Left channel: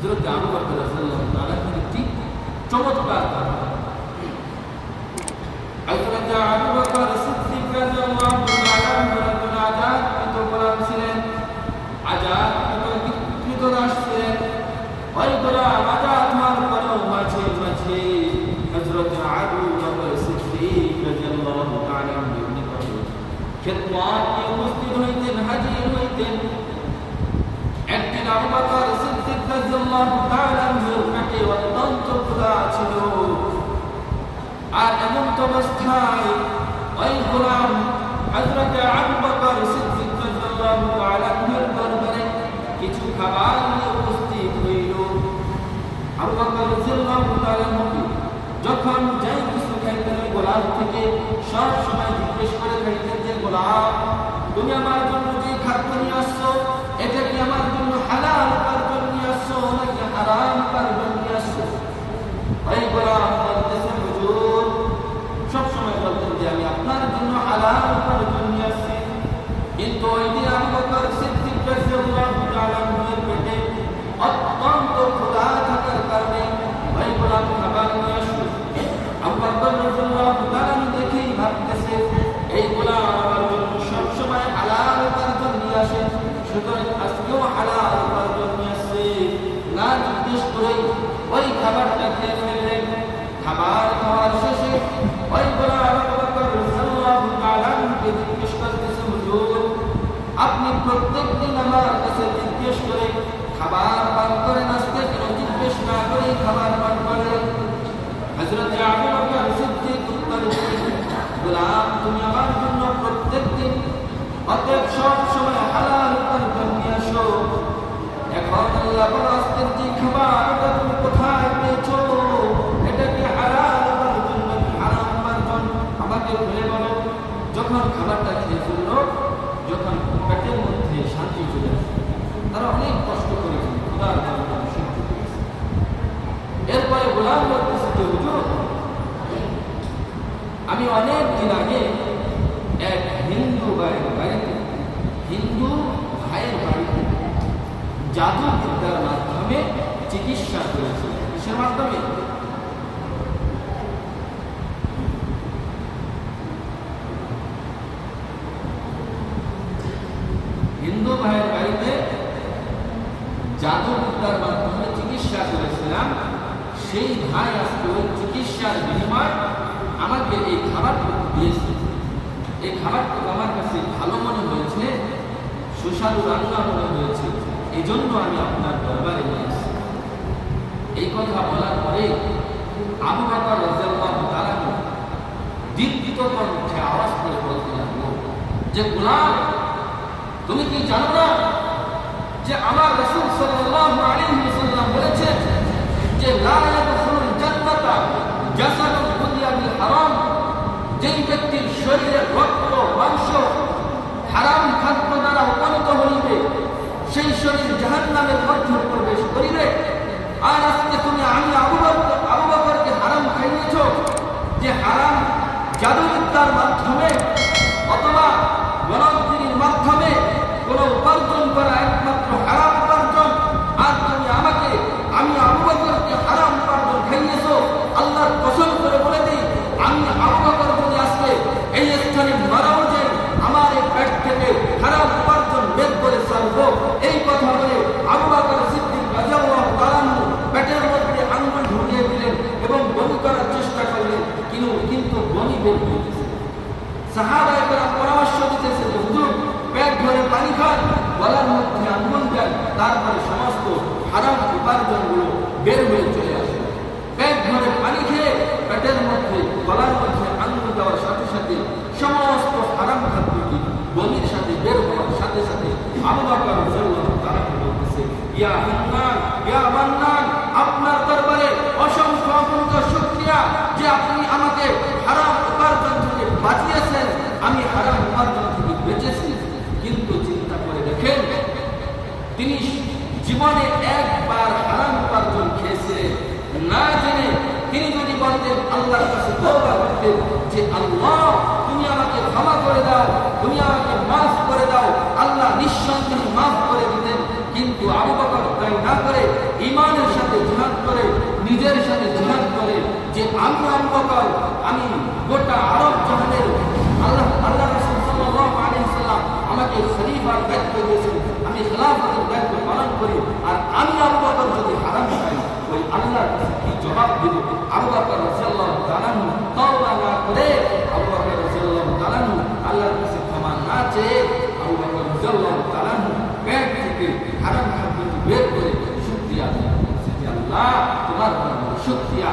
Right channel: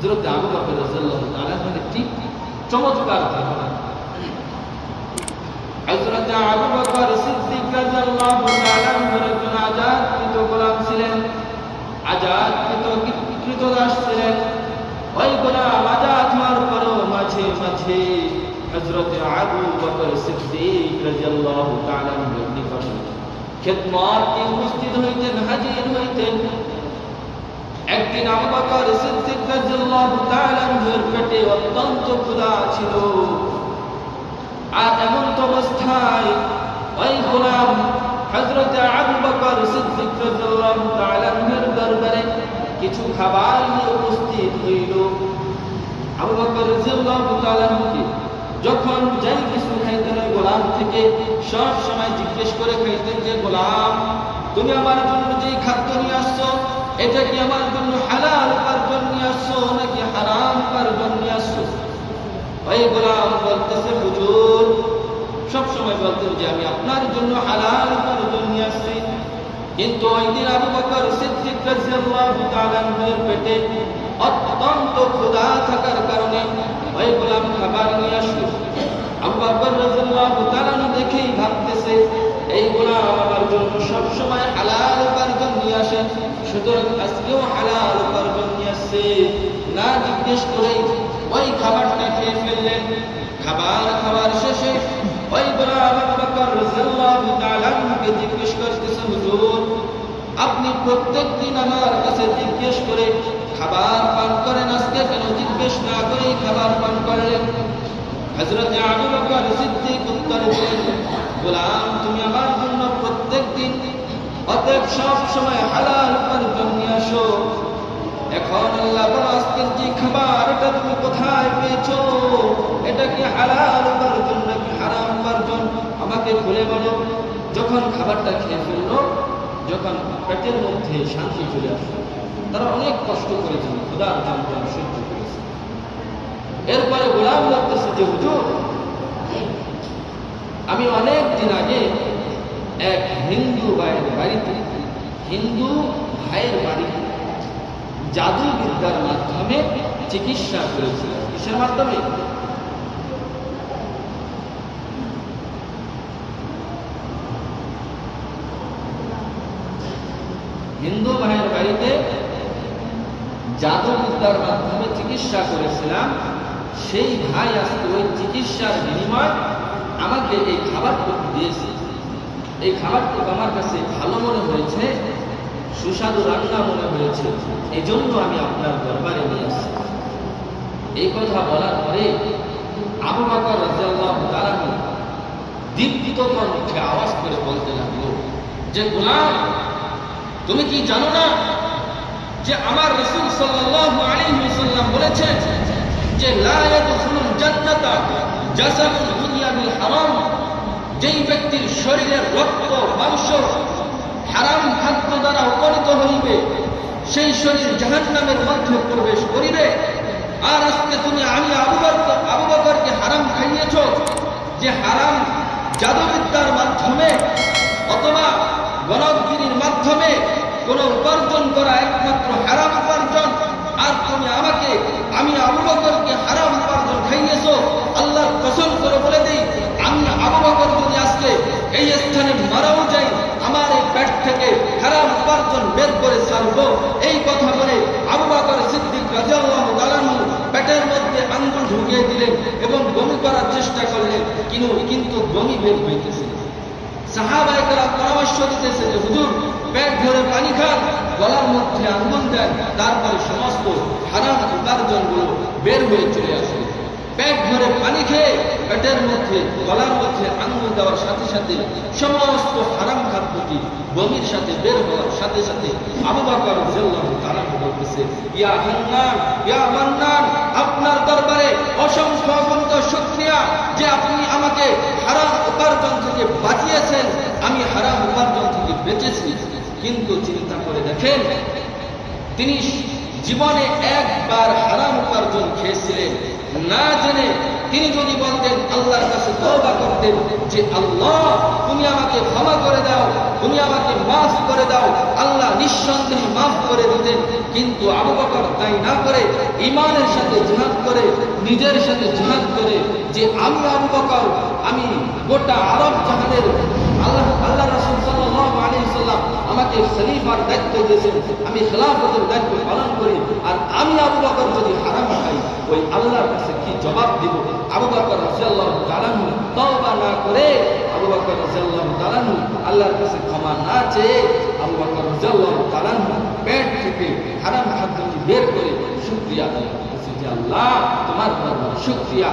হজরত আবু বকর রাদিয়াল্লাহু তাআলা মানে ঠিক চমৎকার ধারণা। হযরত আবু বকর সিদ্দিক রাদিয়াল্লাহু তাআলা একজন আজাদকৃত গোলাম ছিলেন আজাদকৃত কৃতদাস ছিলেন। ওই গোলাম আজাদ হওয়ার পরও মাঝে মাঝে হযরত আবু বকর সিদ্দিক রাদিয়াল্লাহু তাআলা নিকটে খেদমতে উপস্থিত হইতেন, হাজির হইতেন। একদিন আবু বকর সিদ্দিক আর এমন অবস্থায় খাবার নিয়ে যখন যাই কিছু খাইতেন ওই গোলাম থেকে সব সময় জিজ্ঞেস করে খাইতেন যে, গোলাম, তুমি আমার জন্য যে খাদ্য নিয়ে আসছো, এটা কি আমার জন্য হালাল উপার্জন হারাম উপার্জন নিয়ে আসছো ওই গোলাম বলতেছে হুজুর সব সময় বলতেন যে আমি আপনার জন্য হালাল উপার্জন নিয়ে আসছি কিন্তু ওই আবু বকর সিদ্দিক রাদিয়াল্লাহু তাআলা আনহুর পেটে অত্যন্ত ক্ষুধা থাকার কারণে ওই গোলাম খাবার নিয়ে আসলো আবু বকর রাদিয়াল্লাহু তাআলা দেখেই ভাবতেছে এই গোলাম আমার জন্য সব সময় হালাল উপার্জন নিয়ে আসে সুতরাং আজকেও হালাল উপার্জন নিয়ে আসছে জিজ্ঞেস করেই ওই খাবারটা খেয়ে ফেললেন। খাবার খাওয়ার শেষে ওই জিজ্ঞেস করতেছে, হুজুর, আপনি প্রত্যেকদিন আমার কাছে জিজ্ঞেস করে খাবার পান করেন? আজকে কেন জিজ্ঞেস না করেই খাবার পান করলেন? হযরত আবু বকর সিদ্দিক উত্তর দিলেন, গোলাম, তুমি আমার জন্য প্রত্যেকদিন অতএব সব সময় হালাল উপার্জন নিয়ে আসো। এখন আল্লাহ বড় আজকের যে খাবার, এটা তুমি কোথায় পেয়েছ? এটা কি হালাল উপার্জন নাকি হারাম উপার্জন আমাকে খুলে বলো। যখন খাবারটা খেয়ে ফেলল, যখন পেটের মধ্যে শান্তি চলে আসলো, তারা অনেক কষ্ট করেছিল ক্ষুধার যন্ত্রণা সহ্য করেছে। এরপরে গোলাম বলতেছে যে, হুজুর, আমি অনেক দিন আগে এক হিন্দু ভাইয়ের বাড়িতে, হিন্দু ভাইয়ের বাড়িতে জাদু বিদ্যার মাধ্যমে চিকিৎসা করেছিলেন কিসের মাধ্যমে? হিন্দু ভাইয়ের বাড়িতে জাদু বিদ্যার মাধ্যমে চিকিৎসা করেছিলাম। সেই ভাই আজকে ওই চিকিৎসার বিনিময় আমাকে এই খাবারটুকু দিয়েছে। এই খাবারটুকু আমার কাছে ভালো মনে হয়েছে, সুস্বাদু রান্না মনে হয়েছে। এই জন্য আমি আপনার দরবারে নিয়ে এসেছি এই কথা বলার পরে আবু বকর রাদিয়াল্লাহু তাআলা দীপ্ত কণ্ঠে আওয়াজ করে বলতে লাগল, যে গোলাম, তুমি কি জানো না যে আমার রাসূল সাল্লাল্লাহু আলাইহি ওয়াসাল্লাম বলেছেন যে হারাম? যেই ব্যক্তির শরীরের রক্ত, মাংস, হারাম খাদ্য দ্বারা উপনীত হইবে সেই শরীর জাহান্নামের মধ্যে প্রবেশ করিবে। আর আজকে তুমি আমি আবু আবু বকরকে হারাম খাইয়েছ, যে হারাম জাদুবিদ্যার মাধ্যমে অথবা গণগিরির মাধ্যমে কোন উপার্জন করা একমাত্র হারাম উপার্জন। আর তুমি আমাকে, আমি আবু বকরকে হারাম উপার্জন খাইয়েছ, আল্লাহর কসম করে বলে দিই, আমি আবু বকর যদি আজকে এই স্থানে মারাও যাই, আমার এই পেট থেকে হারাম করে এই কথা বলে আবু বকর সিদ্দিক তাআলা পেটের মধ্যে আঙ্গুল ঢুকিয়ে দিলেন এবং বমি করার চেষ্টা করলেন। কিন্তু কিন্তু বমি বের হইতেছে। কেরাম পরামর্শ দিতেছে যে, হুজুর, পেট ভরে পানি খান, গলার মধ্যে আঙ্গুল দেন, তারপরে সমস্ত হারাম উপার্জনগুলো বের হয়ে চলে আসবে। পেট ভরে পানি খেয়ে পেটের মধ্যে, গলার মধ্যে আঙ্গুল দেওয়ার সাথে সাথে সমস্ত হারাম খাদ্যটি বমির সাথে বের হওয়ার সাথে সাথে আবু বকর তাআলা বলতেছে, ইয়া হান্নান, ইয়া মান্নান, আপনার দরবারে অসংখ্য অগণিত শুকরিয়া যে আপনি আমাকে হারাম উপার্জন থেকে বাঁচিয়েছেন। আমি হারাম উপার্জন থেকে বেঁচেছি। কিন্তু চিন্তা করে দেখেন, তিনি জীবনে একবার হারাম উপার্জন খেয়েছিলেন। না জেনে তিনি যদি বলতেন, আল্লাহর কাছে তওবা করতেন যে আল্লাহ, তুমি আমাকে ক্ষমা করে দাও। তুমি আমাকে মাফ করে দাও, আল্লাহ নিঃসন্দেহে মাফ করে দিতেন। কিন্তু আবু বকর তাই না করে ইমানের সাথে জিহাদ করে, নিজের সাথে জিহাদ করে যে আমি আবু বকর, আমি গোটা আরব জাহানের আল্লাহ আল্লাহ রাসূল সাল্লাল্লাহু আলাইহি সাল্লাম আমাকে খলিফার দায়িত্ব দিয়েছেন। আমি খেলাফতের দায়িত্ব পালন করি, আর আমি আবু বকর যদি হারাম খাই, ওই আল্লাহর কাছে কি জবাব দিব? আবু বকর রাদিয়াল্লাহু তাআলা তওবা না করে আবু বকর রাদিয়াল্লাহু তাআলা আল্লাহর কাছে ক্ষমা না চেয়ে আবু বকর রাদিয়াল্লাহু তাআলা পেট থেকে হারাম খাদ্য বের করে শুকরিয়া আদায় করেছে যে আল্লাহ তোমার শুকরিয়া